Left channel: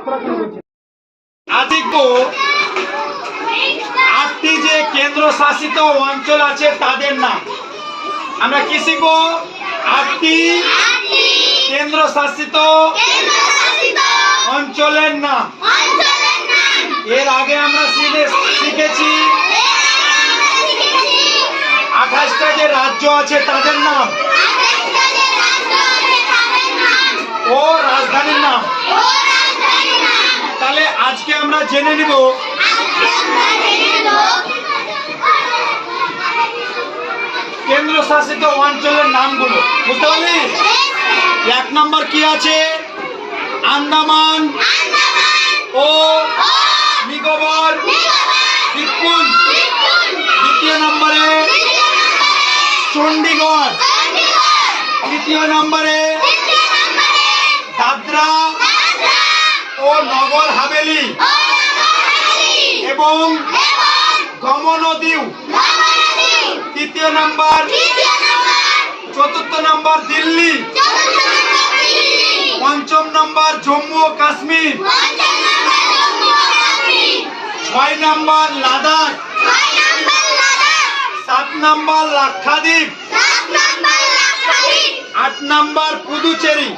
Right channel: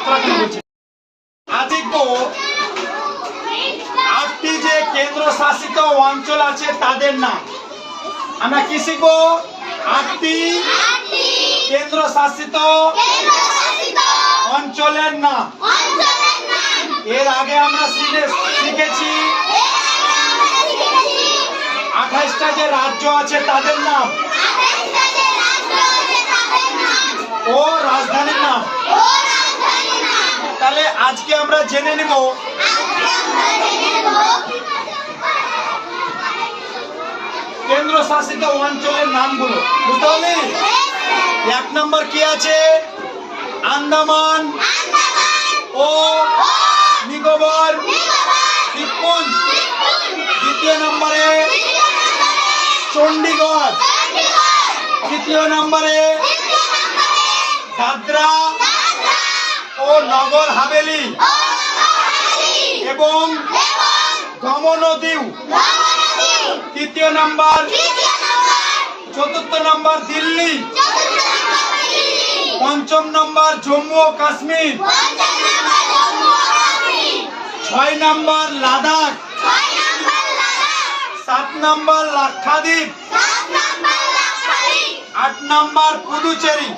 মাত্রা করে বলছি। আজকে 8টি যে কেন্দ্র শাসিত অঞ্চল আছে তাদের নাম আমরা কি শিখবো? 8টি কেন্দ্র শাসিত অঞ্চলের নাম। এর আগে আমরা শিখেছি 28টা যে রাজ্য আছে তাদের নাম ও রাজধানীর নাম। তাহলে আজকে আমরা জেনে নিব কেন্দ্র শাসিত অঞ্চলের নামগুলো। বুঝতে পারলি? 1 নম্বর কি আছে? আন্দামান ও নিকোবর দ্বীপপুঞ্জ। 2 নম্বরে চণ্ডীগড়। 3 নম্বরে দাদরা ও নগর হাভেলি এবং দমন ও দিউ। 3 নম্বর। 4 নম্বর দিল্লি। 5 নম্বর জম্মু ও কাশ্মীর। 6 নম্বর লাদাখ। 7 নম্বর লাক্ষাদ্বীপ। 8 নম্বর পুদুচেরি।